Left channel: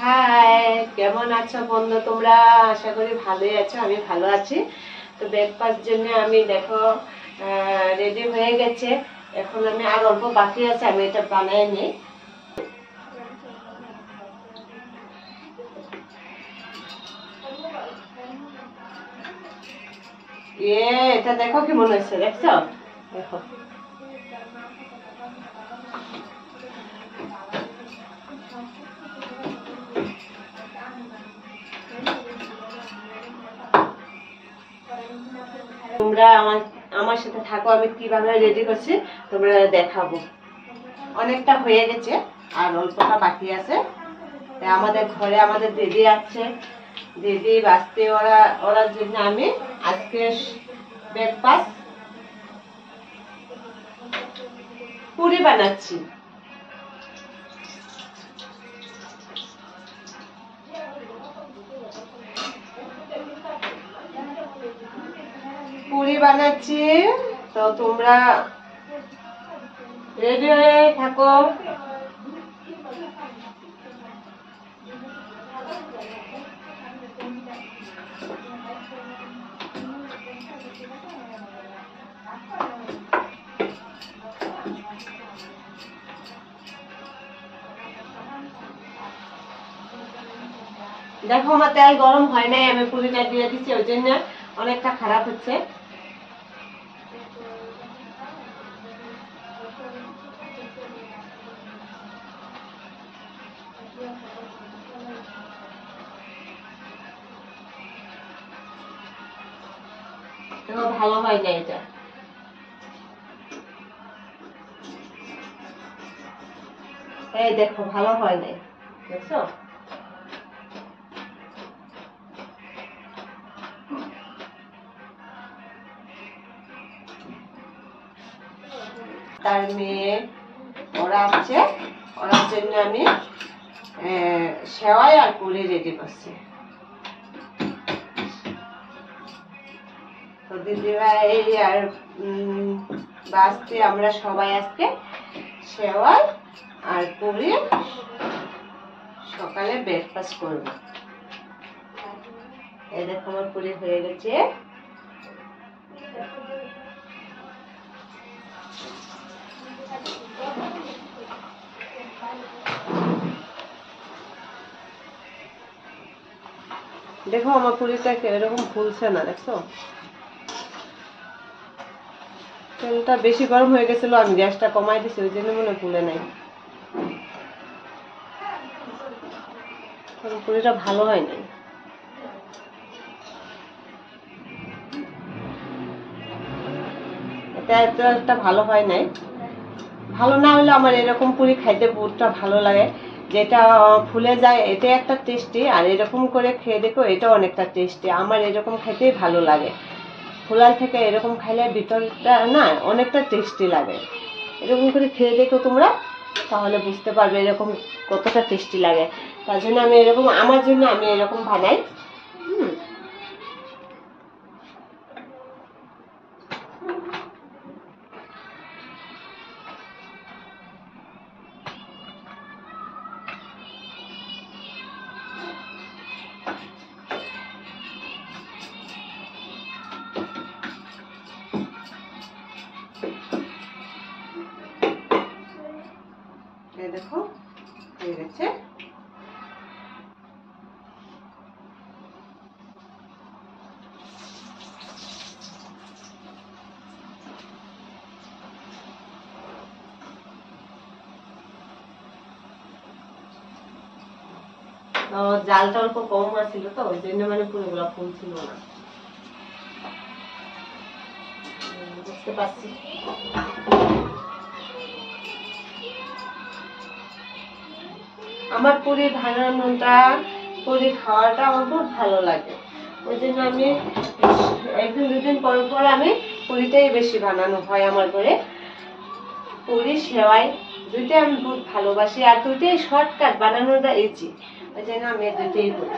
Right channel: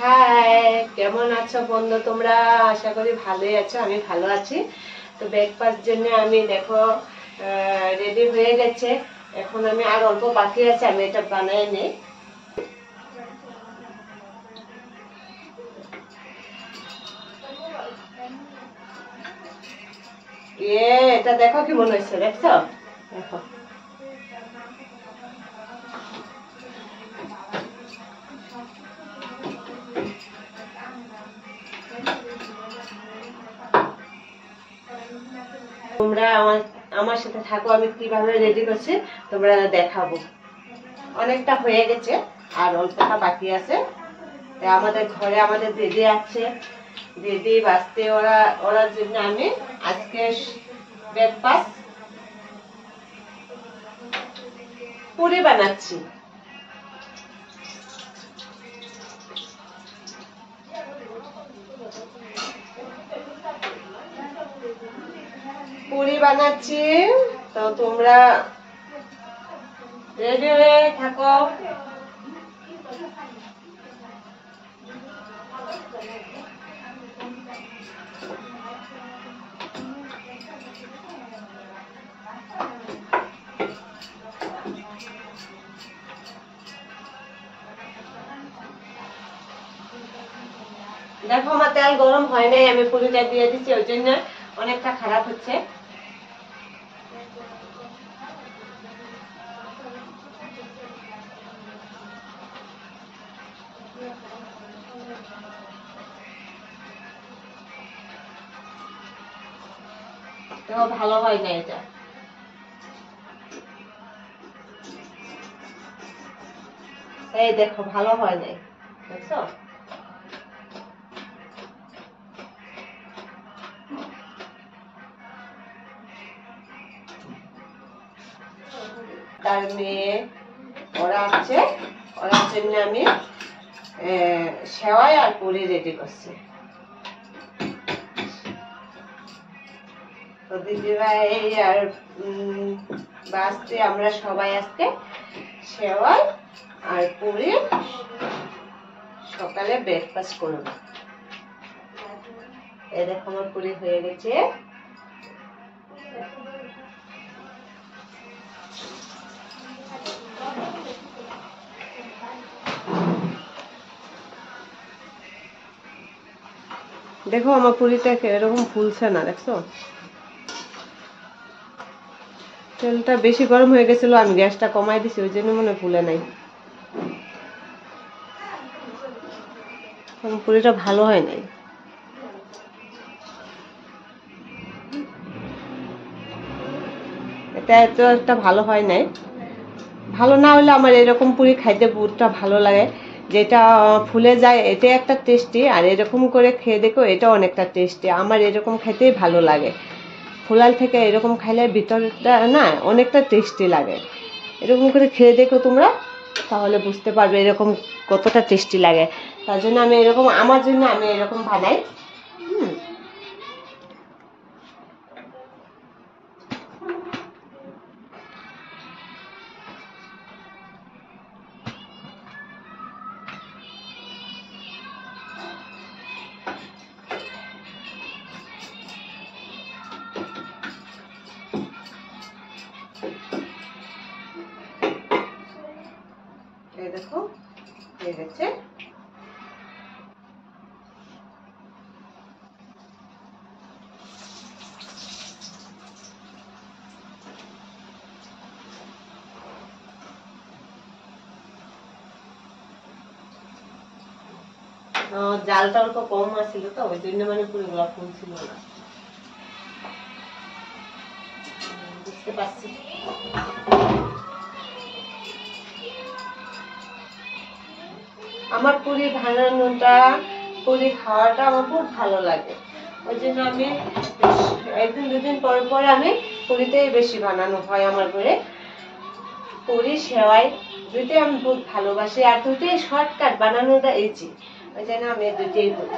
High, কেমন আছো বন্ধু তোমরা? আশা করি ভালোই আছো, আমি ভালো আছি। তো ব্রেকফাস্ট জন্য আমি দেখো রেডি হয়ে গেছে। এখন আমি আর অল্প বাকি আছে, আমি এটা বানাই নিই। এটা দেখো কি মনে হচ্ছে, দেখছো? দেখো তোমরা আমার আমার সাথে থাকো, আমি কিভাবে রেডি করছি তোমরা দেখাবো। অনেকটা হয়ে গেছে, আর অল্পটা বাকি আছে। আমাদের ঘরে আমাদের দিদি আছে, দিদি বাঁচতে ওরার জন্য আমি আজকে ব্রেকফাস্ট পুরি বানাচ্ছি। পুরি বানাচ্ছি, তো তোমরা রেডি হয়ে থাকো। দেখো আমার তেল গরম হয় নাই, আমি পুরিটা দিয়ে দিচ্ছি, ওই জন্য অনেকটা খারাপ হচ্ছে। দেখো ভালো হয় না এটা, এই দেখো ভালো হয় নাই, দেখছো? তার মেয়ে ওরা আছে, ওরার জন্য আমি সেওয়াই আর পুরি রেডি করছি। তো দিদিভাই আর বাঁচতে আমরা সবাই আজকে সেওয়াই আর পুরি সকালে ব্রেকফাস্ট করবো। এই দেখো আমার পুরি হয়ে গেছে। দেখো আমার পুরিটা এরকম ফুলছে না, দেখছো? তেলটা বেশি গরম হয়ে গেছিল, আমি গ্যাসটা কমাই দিছি, ওই জন্য মনে ফুলে নাই। পুরিটা ভালো হয় নাই, এটা এত একটা ভালো হয় নাই। ভালো না হলে আমার এরকম পুরি খাইতে পুরটা ভালো লাগে, যেটা ফুলে যায় এটা একটা টেস্টি, আর এরকম করে খেয়ে দেখো এটা অনেকটা টেস্টি। আমার এরকম খাইতেই ভালো লাগে, ফুলাল থেকে এরকম খাইলে ভিতরটা না অনেকটা টেস্টি লাগে। এরকম করে খেয়ে দেখো তোমরা, তাহলে বুঝতে পারবে এরকম কতটা টেস্টি লাগে। তার জন্য আমি এরকম, আমার জন্য আমি এরকম বানাই। এই দেখো হয়ে গেছে। জালটা অল্প কম আছিল, তো ওই জন্য মানে পুরোগুলা ফুল ছিল না, বুঝতে পারছি। আমার পুরি বানানোটা, পুরি খাওয়াটা আমার খুব ভালো লাগে, ওই জন্য আমি একদিন দুদিন পর পর আমি পুরিটাই বেশি বানানো হয় আমার ঘরে। পুরি সেওয়াই দুইটাই আমি খুব ভালোবাসি, আর দুইটাই শর্টকাট, বানানোটা ইজি, ওই জন্য আমি দুইটাই করি।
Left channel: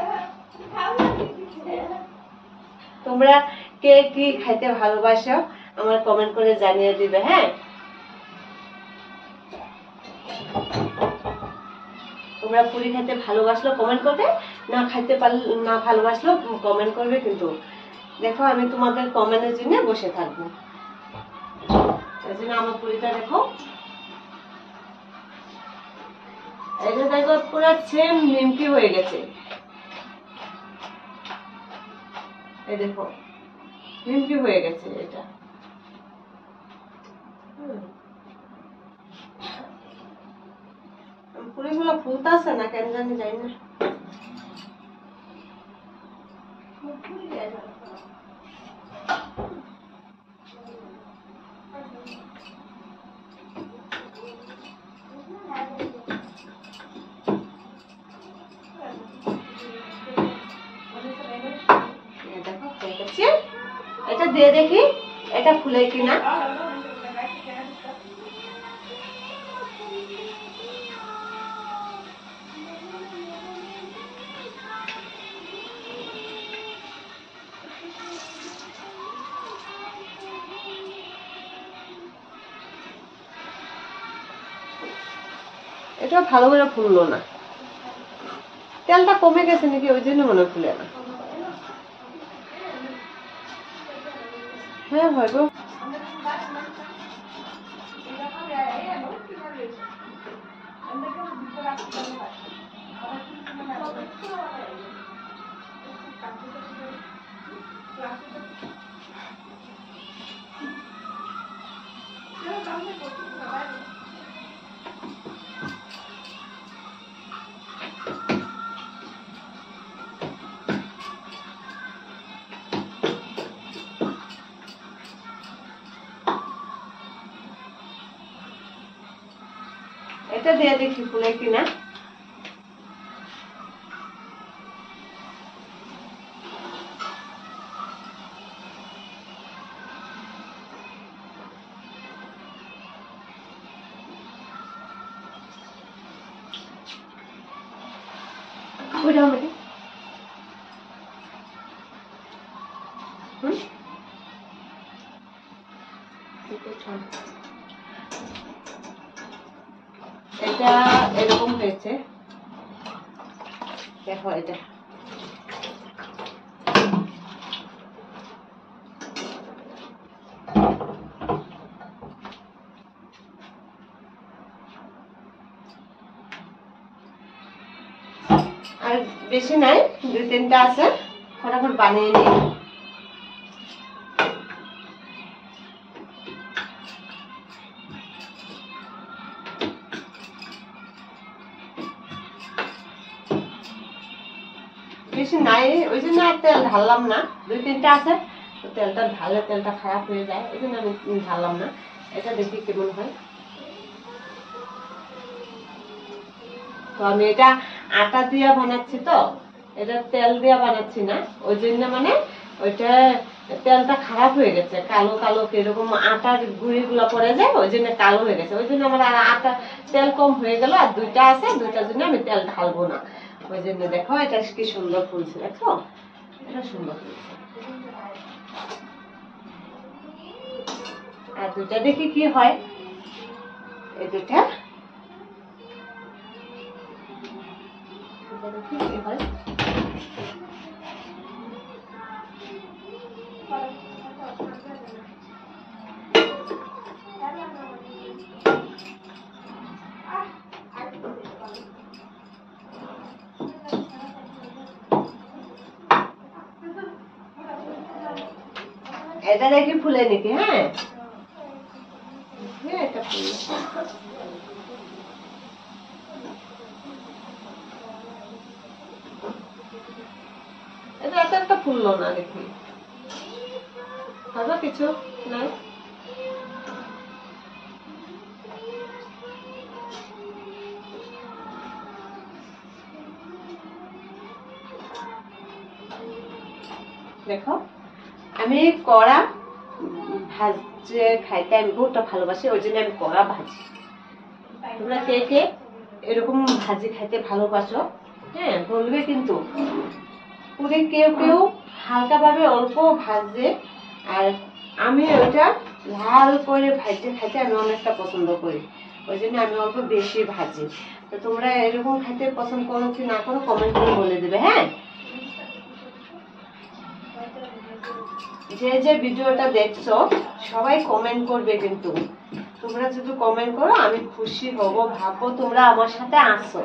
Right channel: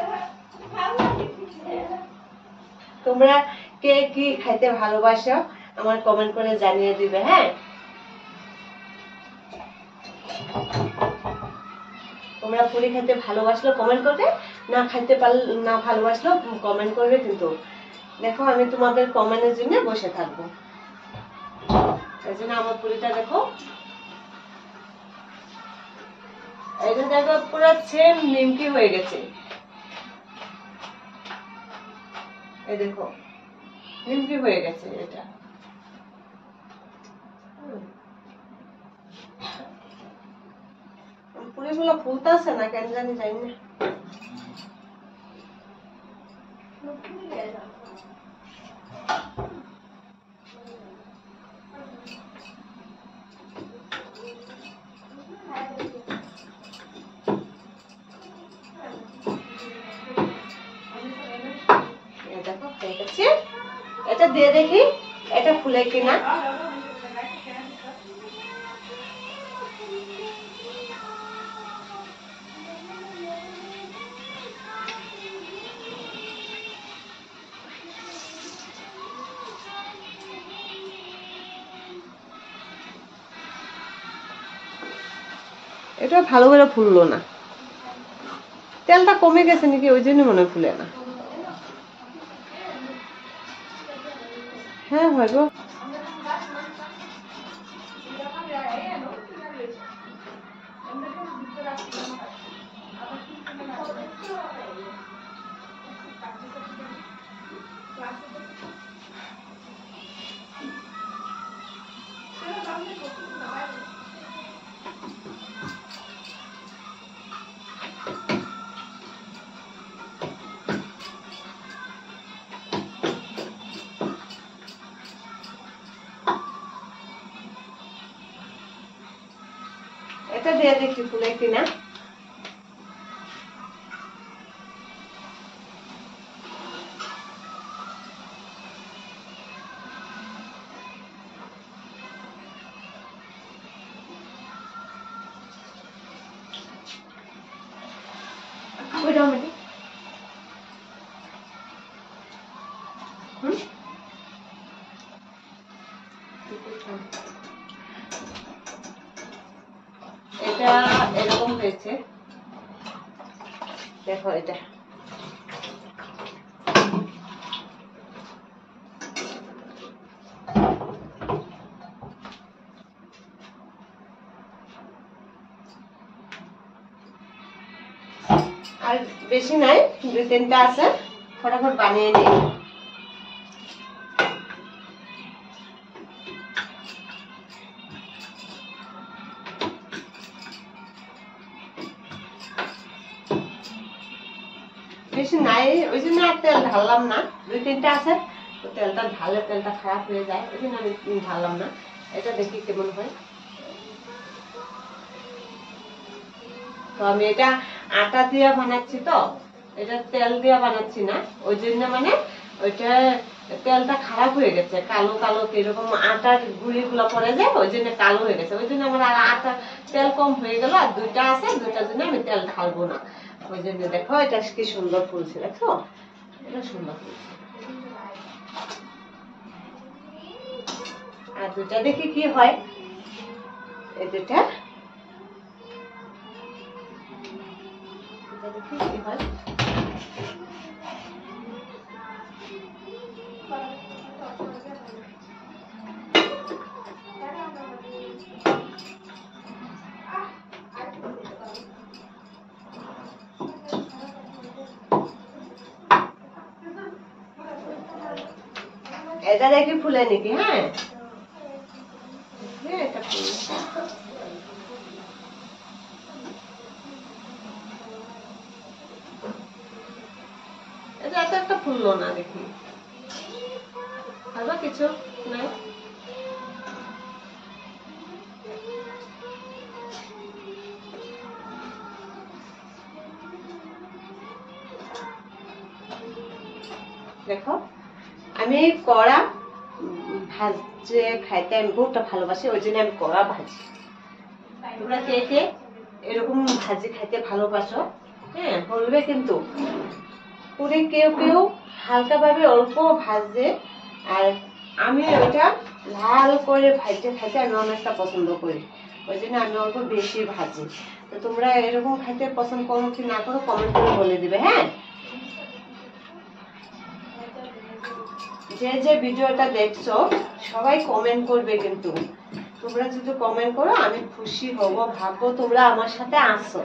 তোমরা কে কি খাইতে ভালোবাসো আমার কমেন্ট করে জানিয়ে দিবে, হ্যাঁ? তো তোমরা পুরি খেতে ভালোবাসলো কমেন্ট করবে, না খাইতে পারলে না ভালোবাসলো কমেন্ট করবে। কিন্তু দেখো আমি তোমাদের কমেন্টের জন্য বসে থাকবো। এই জন্য আমার পুরিটা দেখো, এটা দেখো পুরো সেম নিমকি হয়ে গেছে। এই দেখো নিমকি হয়ে গেছে এটা। পুরিগুলো ফুলতেছে না কেন জানি, যাই না। এটা দিয়ে দেখি এটা ফুলে কিনা। এটা ভালো করে ফুললো না, তেলটা কমে গেছে নাকি, ওই জন্য মনে ফুলে না। হ্যাঁ হয় গো। এটা দিয়ে দেখি ফুলে কিনা। মোটামুটি এটা এরকম হয়েছে দেখো। এটা আর বেশি নাই, 2-3টা আছে, ফটাফট বানিয়ে নিই। বেশি নাই ওই জন্য আর তেল ঢাললাম না, 2-3টা আছে, তেলটা ঢালে তেলটা খারাপ হয়ে যায়, ওই জন্য আমি ঢাললাম না। এটা দেখি কেমন হয়। তো আমি এটা আটা দিয়ে বানাচ্ছি, তো এটা তেল দিয়ে বানাচ্ছি না, ওই জন্য মানে ওইটা তেলটা খারাপ হয়ে গেছে, কালো কালো এরকম আটার গুঁড়িগুলো পড়ে যায়, ওই জন্য কালো হয়ে গেছে। ওই জন্য আমার আর আটা তেল কম হয়ে গেল, আর 2টা আছে, 2টার জন্য আমি তেল ঢালবো না। ওই জন্য দেখো এটা কি সুন্দর ফুলছে, দেখো এটা সুন্দর ফুলছে। আর 2টা দেখি কি হয়। এই 2টা দেখি কি হয়। এটা দেখি ফুলে নাকি। হ্যাঁ এটা ফুলে। এটা এত একটা ফুললো না, দেখি হয়তো কিছু নাই। দেখো আমি কড়া ভাজে খাইতে আমি বহুটা ভালোবাসি, ওই জন্য আমি কড়া ভাজি। তোমরা কে কে এরকম ভাজি খাইতে ভালোবাসো, হ্যাঁ বলবে কিন্তু। পুরি কেউ কেউ হালকা ভাবে অল্প ভাজে, আর আমি ওইটা লাল করে ভাজতে খাইতে আমি অনেকটা পছন্দ করি, ওই জন্য আমি অল্প বেশি ভাজি। তো তোমরা এরকম খেতে পছন্দ করো কি না করো কমেন্ট করে বলে দিবে। হ্যাঁ, যে যে ভিডিওটা দেখছো সবাই কমেন্ট করবে, কিন্তু তোমরা যদি কমেন্ট করো আমি খুশি হব, ভাববো তোমরা আমার সাথে আসো,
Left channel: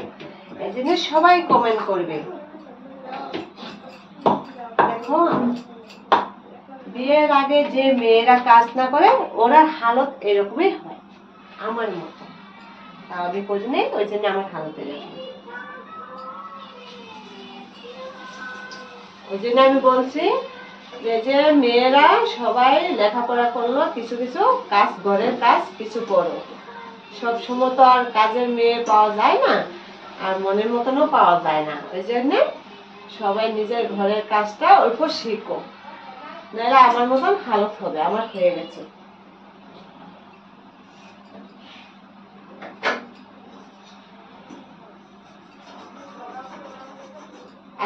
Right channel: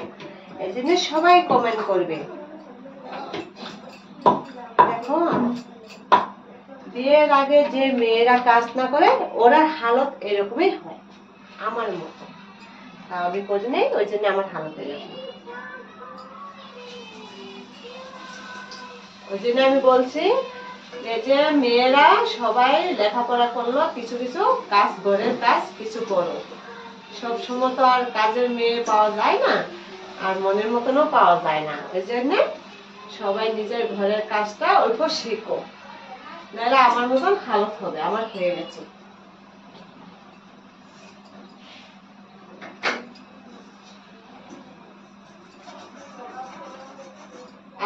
এই জন্য সবাই কমেন্ট করবে। দেখো, বিয়ের আগে যে মেয়েরা কাজ না করে ওরা হালত এরকমই হয় আমার মতো। আমি করি নাই, ওই জন্য আমার হালত এরকম। ওই জন্য আমি বলছি যে মেয়েরা সবাই লেখাপড়া করলো, কিছু কিছু কাজ, ঘরের কাজ কিছু করো। সব সময় তো আর কাজের মেয়ে পাওয়া যায় না, আর মনের মতনও পাওয়া যায় না। ওই জন্য সবাই নিজের ঘরের কাজটা অল্প শিখো, নাহলে আমার মতন হালত হবে। আমার হয়ে গেছে।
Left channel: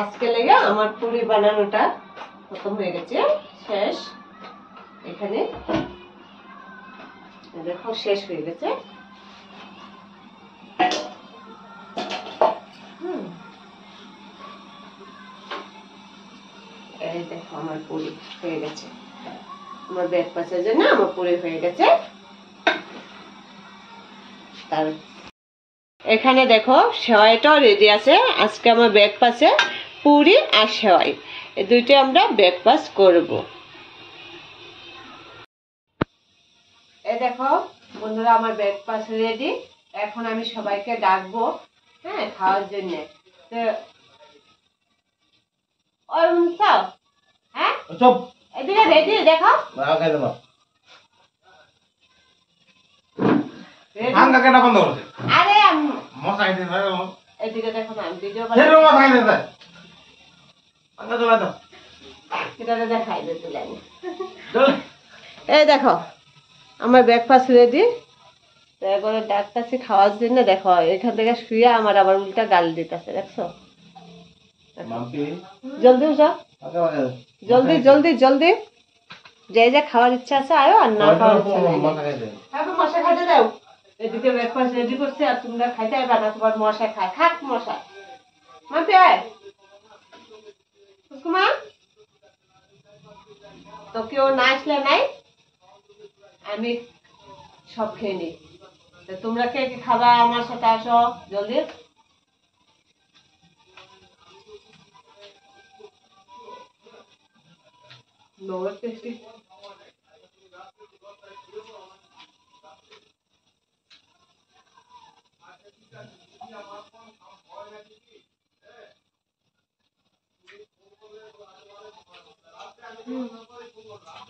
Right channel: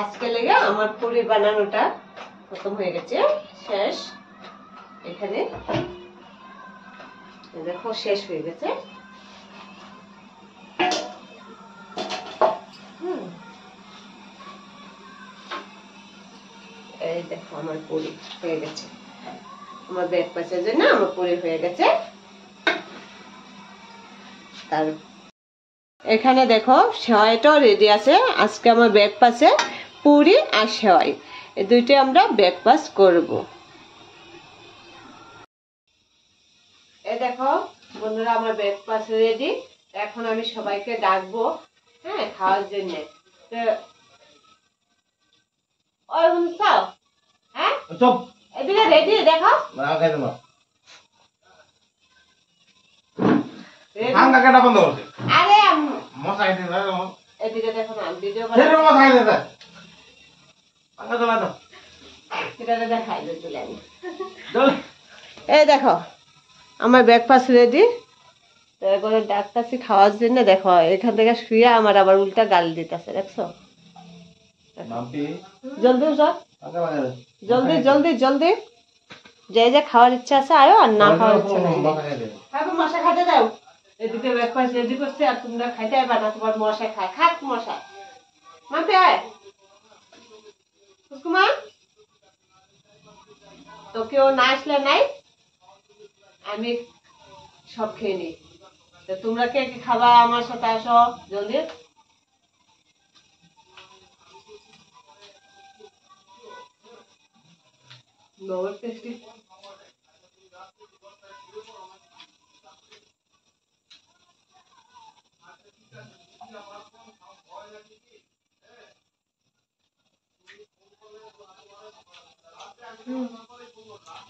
আজকে লেগে আমার পুরি বানানোটা খতম হয়ে গেছে, শেষ। এখানে দেখো শেষ হয়ে গেছে। এই দেখো আমার পুরি হয়ে গেছে। আমার ব্রেকফাস্টের জন্য আমার পুরি হয়ে গেছে। তার এখানে দেখো সেওয়াইটাও রেডি আছে। আজকে আমার ব্রেকফাস্টে পুরি আর সেওয়াই, এই দুইটাই আমরা ব্রেকফাস্ট করব। এই দেখো বন্ধুরা, আমার ব্রেকফাস্ট রেডি। এখন আমি সবাইকে ডাকবো, হ্যাঁ, খাওয়ার জন্য। হ্যাঁ, এদিকে রেডি দেখো। আরে এদিকে দেখো না, ভিডিও দেখাই দিলাম। এই দেখো আমার ব্রেকফাস্ট রেডি। এবারে ডাকতেছি খাওয়ার জন্য। দেখো এখান থেকে শুয়ে আমার আবার উল্টা গাল দিতেছে, দেখছো? জলদি উঠো, জলদি জলদি জলদি। যে যে খাওয়ার ইচ্ছা আছে আয়ো, আর না খাওয়ার ইচ্ছা নেই মশা খাইতে দাও। এদিকে ব্রেকফাস্ট রেডি করছে আর তোমরা খাইতে আইবা না। তোমার মশা খায়, খাক মশা। মাপে আয় কুকুমা, তো কেউ না আসলে নাই, আমি সব খেয়ে নিই। তোমরা কে কি খাবা আমার সাথে আসো জলদি। বহুত টেস্টি।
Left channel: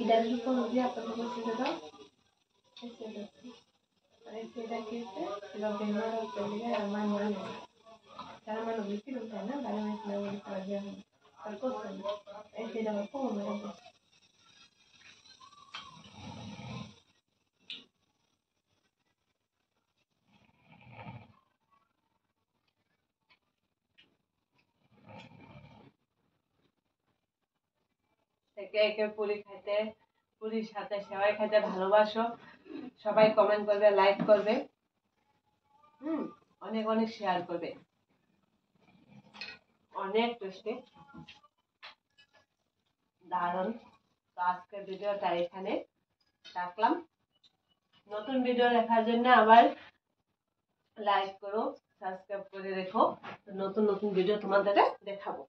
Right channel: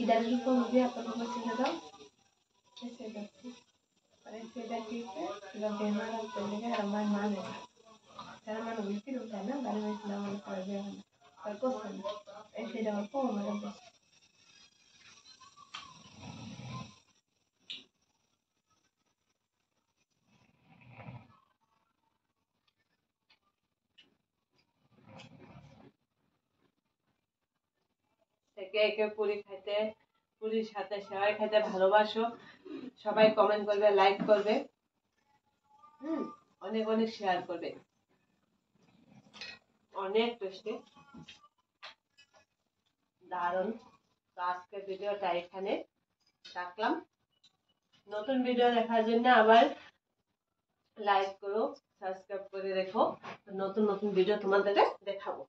इधर को मुझे अपन को से लगा ऐसे लगती और ऐसे लगी से लोग हमारा चलेगा हमारा मान है तार मान बिल्कुल होता है ना बारे में इतना वो कर दिया हम पर को ऐसे लगा को हमारा কে কে পুরি খাইতে, পুরির সাথে সেওয়াই খাইতে ভালোবাসো সবাই কমেন্ট করবে, লাইক করবে, অনেক অনেক শেয়ার করবে। অনেক টেস্টি, দারুণ। তো আজকের ভিডিওটা এখানে রাখলাম। নতুন ভিডিও দেখার জন্য আবার লাইক করো, সাবস্ক্রাইব করে রেখো। নতুন নতুন ভিডিও তোমাদের দেখাবো।